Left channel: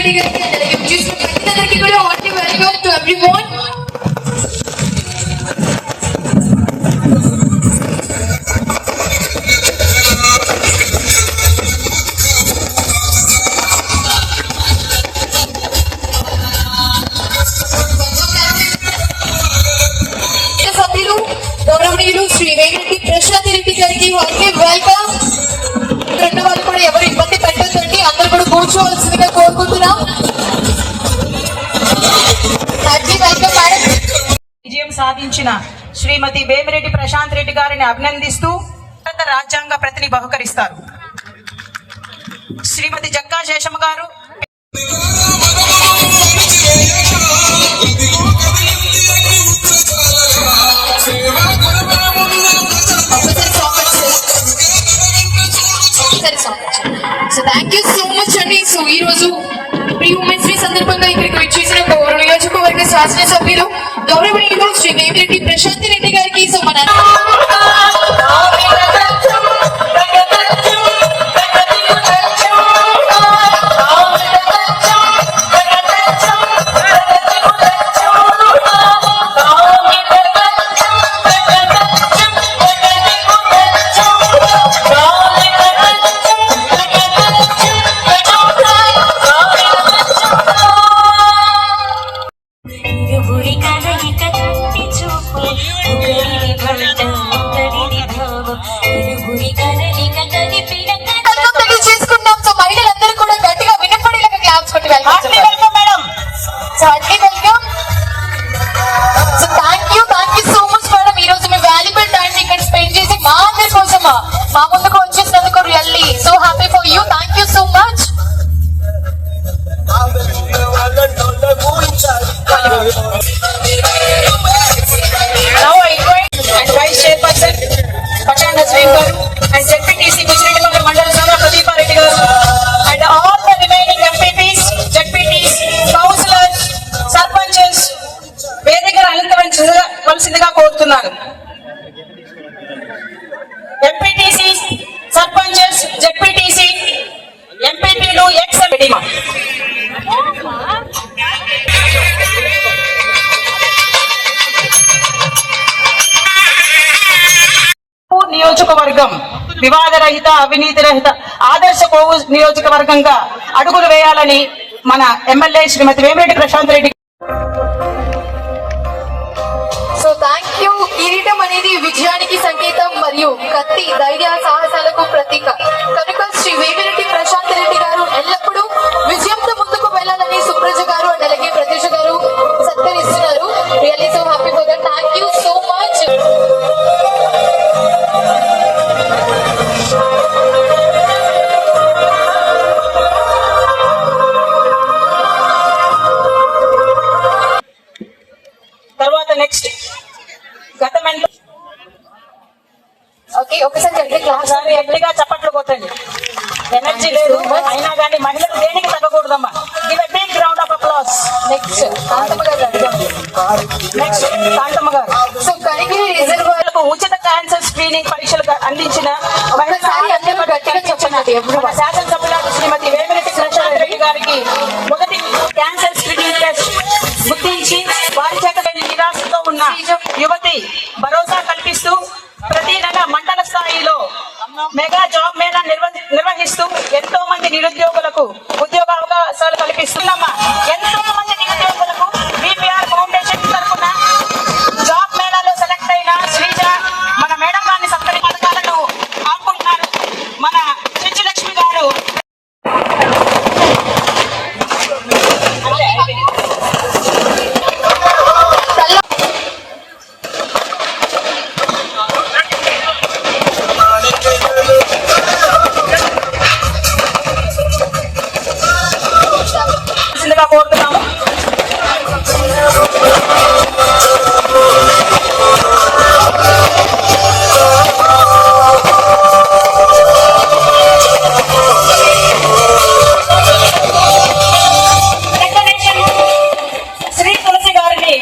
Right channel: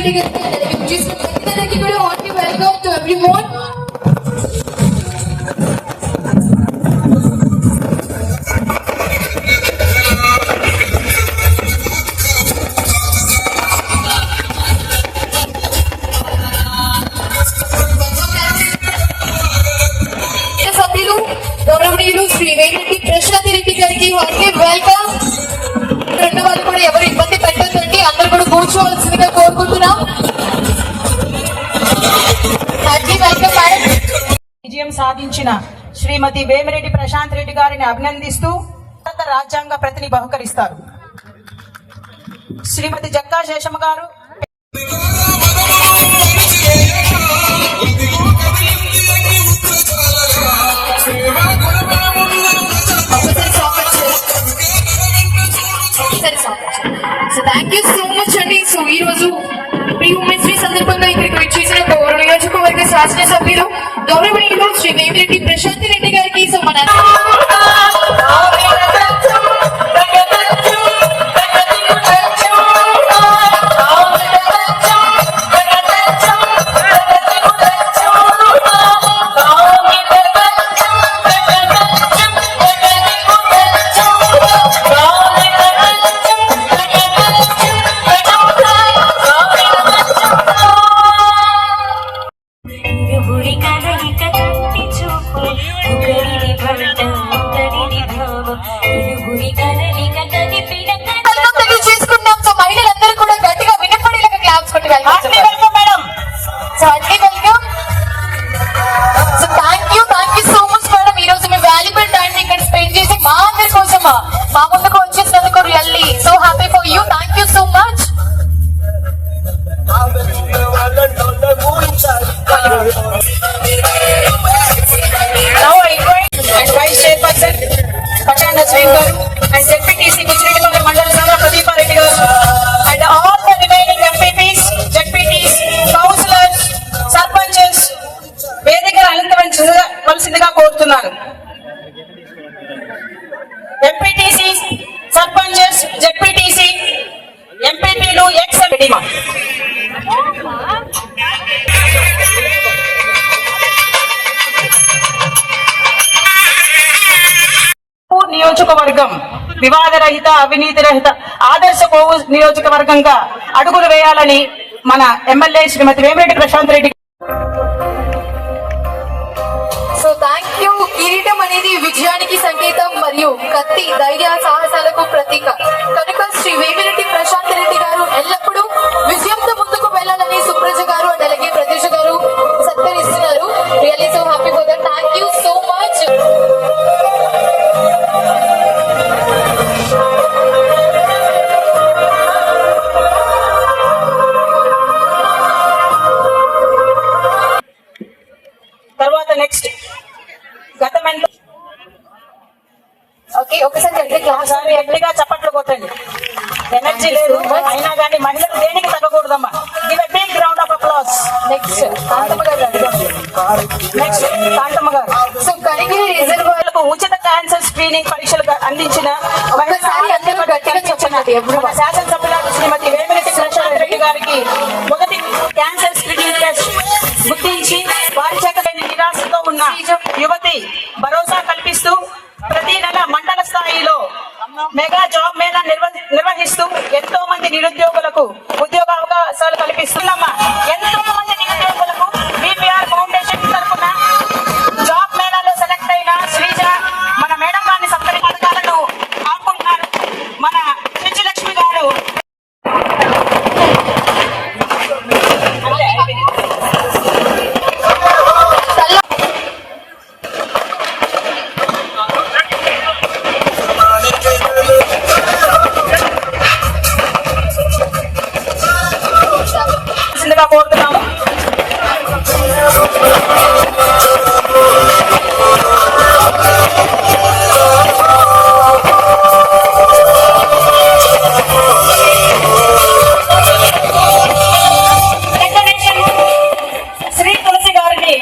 రెడ్డి గారికి అలాగే విజయశ్రీ అందరికీ కూడా వాటి వెల్కమ్ టు ఎవ్రీవన్. సభ్యులు గౌరవనీయులు శ్రీ వేమిరెడ్డి ప్రశాంత్ రెడ్డి గారికి వాటి వెల్కమ్. రెండు వాళ్ళు కూడా ఎవరు ఇబ్బంది పెట్టద్దండి, అందరూ కూడా కూర్చోవలసిందిగా కోరుకుంటున్నాం. విజయం సాధించిన శ్రీమతి వేమిరెడ్డి ప్రశాంత్ రెడ్డి గారిని అభినందిస్తూ భారత రాజ్యాంగ ప్రతిని బహుకరిస్తారు. శ్రీమతి జక్కా శేషమ్మ గారు so thank you so much అండి. సో ఈ రోజు ప్రీ ఉమెన్స్ డే సందర్భంగా ఇక్కడికి విచ్చేసిన నియోజకవర్గ శాసనసభ్యులు గౌరవనీయులు శ్రీ వేమిరెడ్డి ప్రశాంత్ రెడ్డి గారికి సో మన మా ముందుకు వచ్చేసినందుకు really so happy for you. Thank you so much. Now I invite Vice Chairperson Pachanda Speaker and ZPTC Mujiredipalli Mandala Sabha Pradeepa Reddy garu and all the remaining MPPs, ZPTs, councillors, sarpanches వేదికను అలంకరించవలసిందిగా కోరుతున్నాను. MPTC, sarpanches, ZPTC, ఎంపీపీలు, X ఎంపీడీమా నియోజకవర్గం వివాదరహిత, అవినీతి రహిత, ఆదర్శ కోవు నియోజకవర్గంగా అడుగులు వేయాలని మన MLA Shrimati Vemireddy Prashanth Reddy. So thank you. కిరీటం అనేది విజయానికి సంకేతం మరియు కత్తి ధైర్య సాహసాలకు ప్రతీక కనుక శ్రీ వేమిరెడ్డి ప్రశాంత్ రెడ్డి గారు ఎల్లప్పుడూ విజయంతో ముందుకు వెళ్ళాలని సుప్రజ గారు అండ్ అలాగే ప్రత్యూష గారు సత్కరిస్తున్నారు. Really so happy for that. Thank you so much. తర్వాత నెక్స్ట్ గతమెంలో ఒకసారి ఎట్లుగా చప్పట్లు కొట్టండి. ఎనర్జీ లేదు అయినా కానీ మహిళలు దేనికి తగ్గకూడదమ్మా. Give a big round of applause. Next Kanthamma గారు. నెక్స్ట్ కాంతమ్మ గారు. సో కరిగిరి రిజర్వాయర్లకు ఉచిత క్యాన్సర్ స్క్రీనింగ్ పరీక్షలు అందించిన శాసనసభ్యురాలు శ్రీమతి వేమిరెడ్డి ప్రశాంత్ రెడ్డి గారికి మొదటి క్యాన్సర్ స్క్రీనింగ్ టెస్ట్ గుర్తించి వారి చేత నిరాశతో ఉన్న యువతి భరోసా కల్పిస్తూ ప్రతి నెల మండల స్థాయిలో మెగా జాబ్ మేళా నిర్వహిస్తూ ఎంతో మంది నిరుద్యోగులకు ఉద్యోగ అవకాశాలు కల్పిస్తున్నామా. ఎంతో మంది నిరుద్యోగులకు బీపీఆర్ ఫౌండేషన్ తరఫున జాబ్ మేళాలో సెలెక్ట్ అయిన శ్రీజ మన మేడం గారిని సత్కరి పథకాలను ఆపుకుంటున్నారు. మన లక్ష్మి గారు కోరుతున్నాము. శ్రీ తులసి గారిని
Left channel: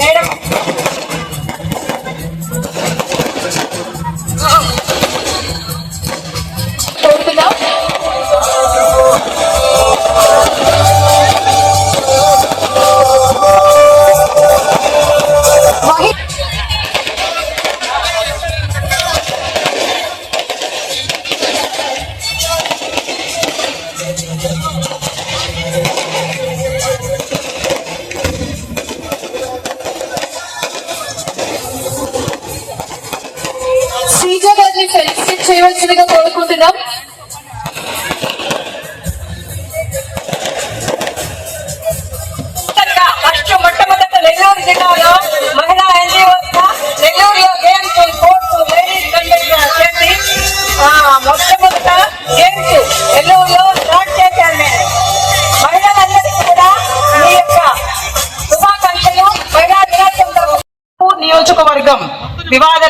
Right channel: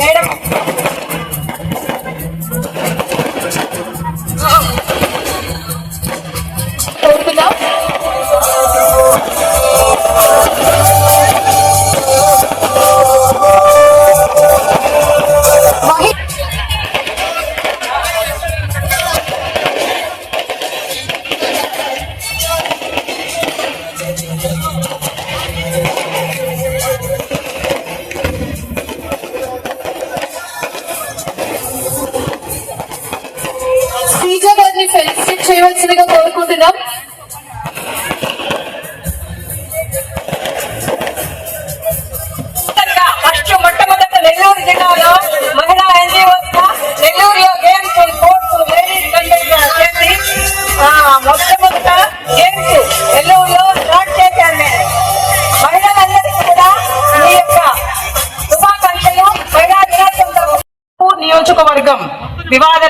మేడం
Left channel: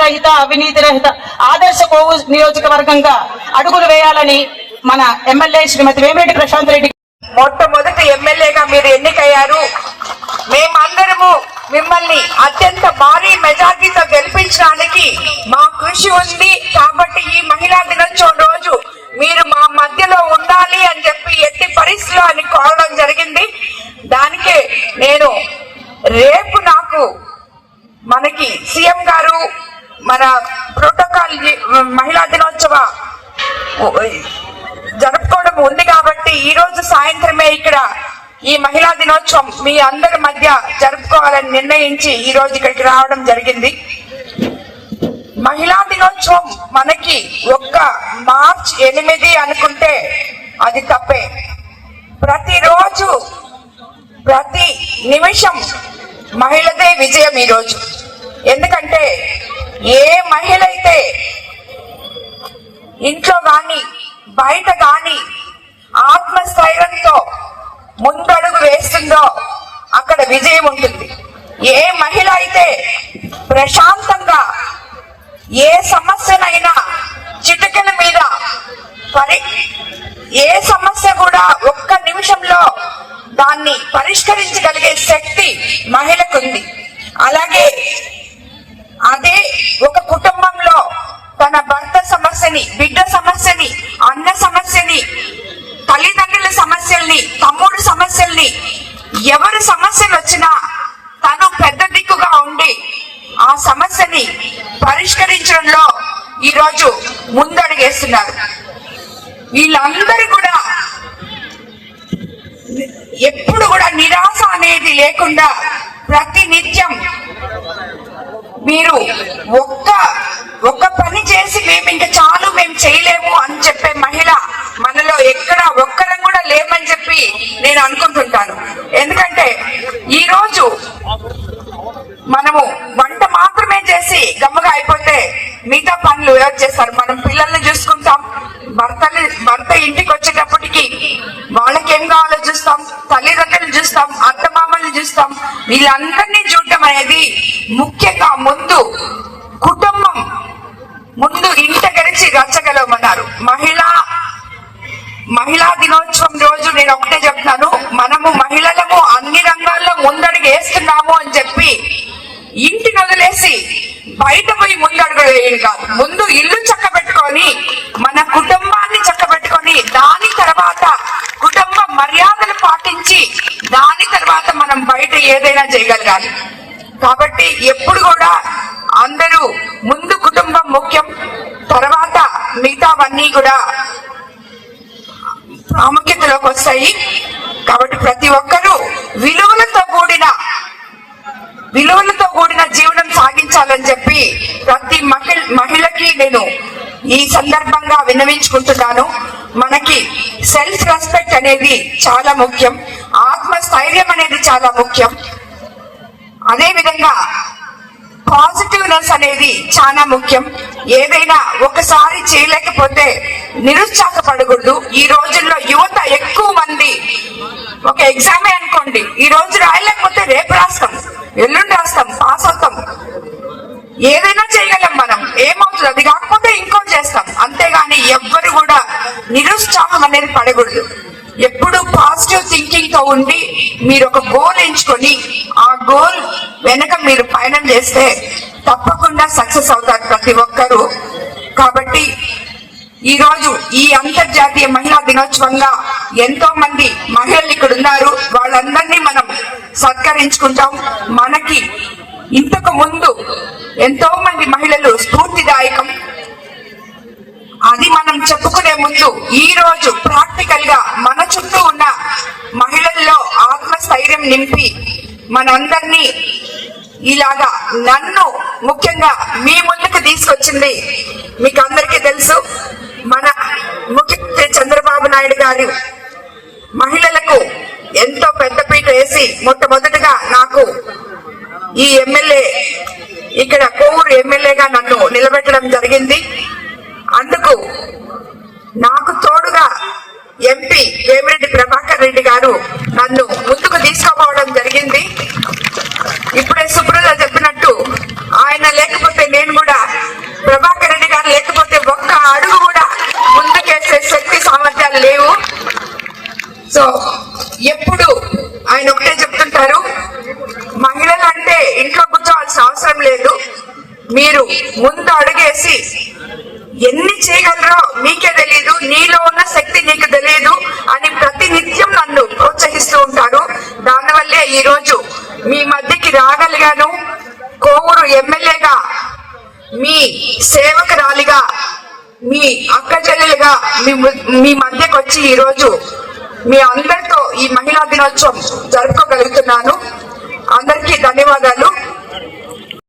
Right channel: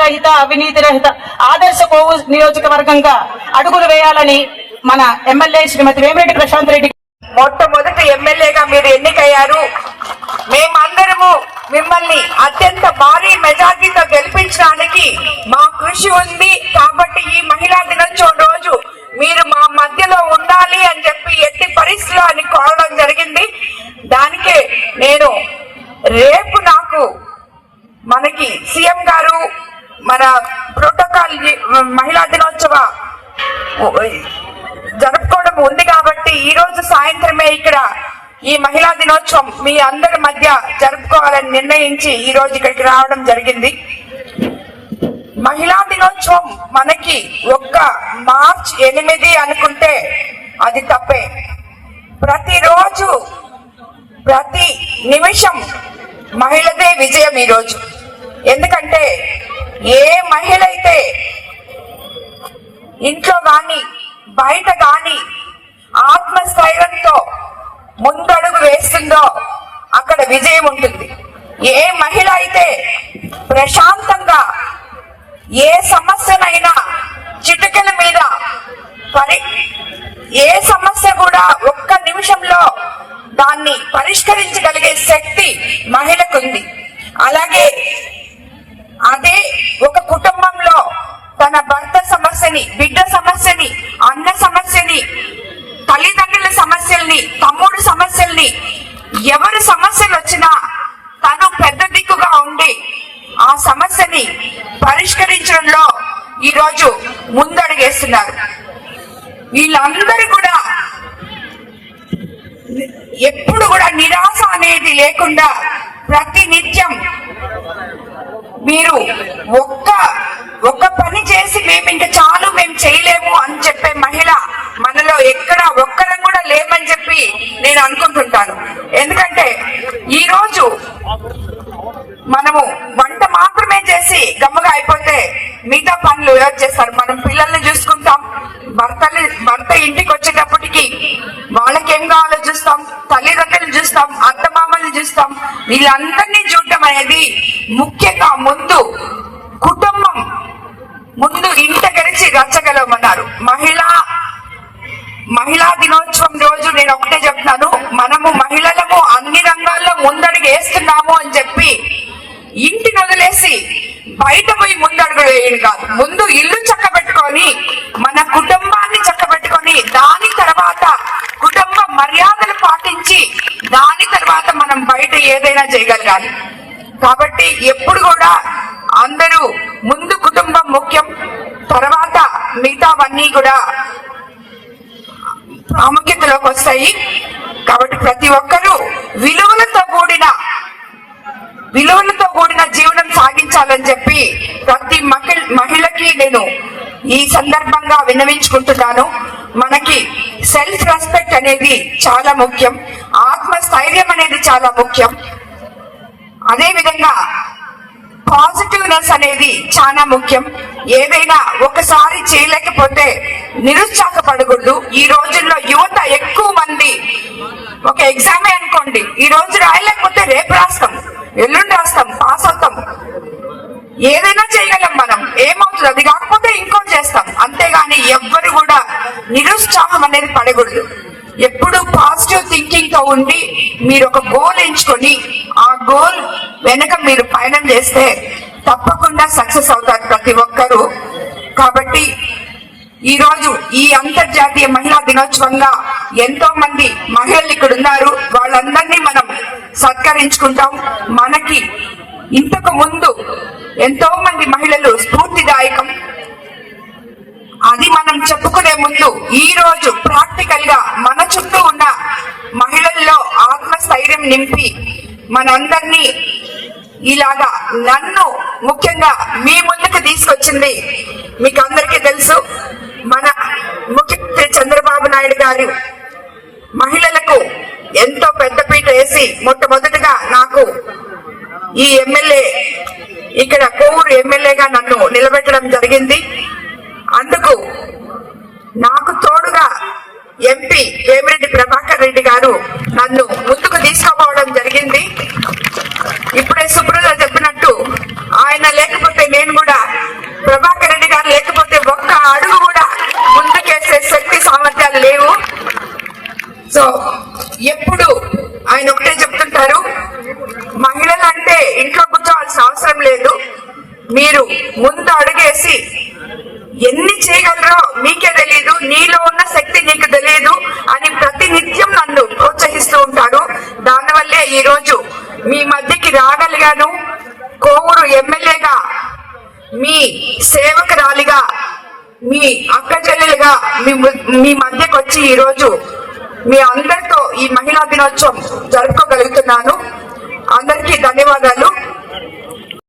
రహిత అవినీతి రహిత ఆదర్శ కోవు నియోజకవర్గంగా అడుగులు వేయాలని మన ఎమ్మెల్యే శ్రీమతి వేమిరెడ్డి ప్రశాంత్ రెడ్డి మొట్టమొదటి ఎమ్మెల్యేగా మీరు ఎన్నికయ్యారు. మేమందరము మిమ్మల్ని అత్యంత భారీ మెజార్టీతో గెలిపించడానికి మా కృషి ఉంది. కాబట్టి ఈ మహిళా దినోత్సవం రోజు మీరు మా మధ్యలో ఉండాలి అని చెప్పి ఎట్టి పరిస్థితుల్లో అని కోరడం జరిగింది. దానికే నేను రేపు నాకు మనకి సీఎం గారు మన ప్రోటోకాల్ మహిళా దినోత్సవ జరుపుకోవడం ఉంది కాబట్టి ఈ రోజు సాయంత్రమే ఇక్కడ ఈ మహిళా దినోత్సవం మీ అందరి మధ్య జరుపుకోవాలని నిర్ణయించి ఈ రోజు ఇక్కడికి రావడం జరిగింది. మహిళా దినోత్సవం మనకి ఒక్క మార్చ్ 8 అనుకుంటే అది తప్పే. ప్రతిరోజు ప్రతి నిమిషం మహిళదే విజయం ఈ రోజు. ఎందుకంటే ఏ మహిళ అయితే ఇంట్లో గాని బయట గాని ఆత్మస్థైర్యంతో ముందడుగు వేస్తుందో అక్కడ విజయం ఉంటుంది. ఏ మహిళ అయితే ప్రశాంతంగా ఏ సమస్యనైనా చిటికెల మీద ఏ సమస్య కూడా ఒక్క నిమిషంలో దాన్ని పరిష్కరించగలిగే శక్తి మహిళకుంది. అలాగే అదే ఒక కుటుంబంలో తన భర్త సమస్యని, బిడ్డ సమస్యని, అన్న సమస్యని, తల్లిదండ్రుల సమస్యల్ని, తమ్ముడు సమస్యల్ని, ఎవరి సమస్యలు వచ్చినా తను పెద్ద దిక్కుగా ఉండి ఆ సమస్యని పరిష్కరించడంలో ఈరోజు ముందడుగేస్తున్నారు. వీళ్ళందరూ కూడా ఎప్పుడు కూడా నిరాశ అనేది లేకుండా ప్రతి నిత్యం మీరు ఒక్క పని చేసి మేము ఇంకా చాలు మేము చేయలేము అని చెప్పే మహిళ మనలో ఎక్కడ ఒక్కరం కూడా లేమని చెప్పి నేను అనుకుంటుంటాను. ఎందుకంటే ఈ రోజు మనము వంట మాత్రమే చేసి గమ్మగా అయిపోతే మిగతా పనులు ఎవరు చేస్తారు? మనం పిల్లల్ని చూసుకుంటాం, భర్త ఇంటికి వచ్చేటప్పటికి వాళ్ళకేం కావాలో చూస్తాం, తల్లిదండ్రులు చూస్తాం, అత్తమామల్ని చూస్తాం. వీళ్ళందరినీ చూడటం అనేది ముఖ్యంగా ముందు కుటుంబం ముందు ఇంట గడిచి రచ్చగలమన్నారు. మహిళా దినోత్సవం రోజు నేను ఒకటే చెప్తున్నాను, మనము మహిళలము అన్ని రంగాల్లో ముందడుగు వేస్తున్నాము అని చెప్పి ఇంటిని వదిలేసి బయట పోయి ముందడుగు వేయడు కాదు. ముందు ఇల్లు చక్కబెట్టుకొని మన కుటుంబాన్ని చక్కబెట్టుకొని దాని తర్వాత కుటుంబ మర్యాదలు పాటించి దాని తర్వాత మనం బయట ఏదైనా చేయగలగాలి. కాబట్టి ఎప్పుడు కూడా అందరూ ముందు కుటుంబం ముఖ్యం, తర్వాత మిగతావన్నీ కూడా ప్రాముఖ్యతలోకి వస్తాయి. కాబట్టి ప్రతి ఒక్కరూ విలువలతో కూడిన జీవనం సాగించాలని చెప్పి ప్రతి మహిళకి నేను ఈ సందర్భంగా విన్నవించుకుంటున్నాను. మనకి సెల్ఫ్ రెస్పెక్ట్ అనేది చాలా ముఖ్యం, ఆత్మస్థైర్యం అనేది చాలా ముఖ్యం. అదే విధంగా పాజిటివ్నెస్ అనేది చాలా ముఖ్యం. ఏదైనా ఒకసారి చేయలేకపోతే నిరుత్సాహపడకూడదు. ఈ రోజుల్లో యువత ఎక్కువ మంది ఒక ఎగ్జామే అనుకోండి, ఈ రోజు రాయలేకపోతే రేపు రాస్తాం, ఎల్లుండి రాస్తాం, పాస్ అవుతాం, ఏదైనా చేయగలం మనం. ఏమవుతుంది? అది కాకపోతే ఇంకో చేస్తాం. అంతేగాని ఎవ్వరు కూడా నిరుత్సాహం అనేది పడకూడదు. ఎప్పుడు పాజిటివ్ థింకింగ్ తో ఉండి మీరు ఒక గోల్ ఎంచుకొని ఆ గోల్ వెనక మీరు పయనం చేస్తే తప్పకుండా సక్సెస్ అవుతారు ప్రతి ఒక్కరూ. కాబట్టి ఈ రోజు ఈ అంతర్జాతీయ మహిళా దినోత్సవంగా ఎంతో మంది మహిళలు ఇక్కడ ఉన్నారు. వాళ్ళందరినీ మనం సత్కరించుకుంటాం. మనకి ఇంతకు ముందు ఎంతో మంది మహిళలు స్ఫూర్తిదాయకం. అది మనం చెప్పుకునే ముందు ఈ రోజు ప్రాక్టికల్ గా మన చుట్టూ ఉన్న మహిళల్లో ఆత్మస్థైర్యం నింపి మనందరినీ ఇలాగా నన్ను ముఖ్యంగా మీ ముందుకు తీసుకొచ్చింది మీకు అందరికీ తెలుసు. మన ముఖ్యమంత్రి చంద్రబాబు నాయుడు గారు మహిళలకు ఎంతో పెద్దపీట వేసి మొట్టమొదటిగా నాకు ఈ ఎమ్మెల్యే ఇక్కడ కోవూరు ఎమ్మెల్యేగా నన్ను నిలబెట్టడం జరిగింది. అందుకు నాకు తోడుగా ఎంపీ వేమిరెడ్డి ప్రభాకర్ రెడ్డి గారు నన్ను ముందుకు తీసుకోపోవడం జరిగింది. ఇప్పుడే సుబ్రత చెప్పినట్టు ఆయన లేకపోతే నేను కూడా చేసి ఎన్ని చేయగలరో మీకే తెలియదు, నీలో ఉన్న శక్తి నీకు తెలియదు అని ప్రతి నిత్యం నన్ను ప్రోత్సహిస్తూ ఉంటారు. దానివల్లే ఈ రోజు మీ మధ్యకి రాగలిగాను. కోవూరు ఎమ్మెల్యేగా, మీ సేవకురాలిగా, మీ అక్క చెల్లెలుగా మీ మధ్యకు వచ్చి ఈ రోజు మీ అందరితో ఈ మహిళా దినోత్సవం జరుపుకోగలుగుతున్నాను. అందరికీ ధన్యవాదాలు.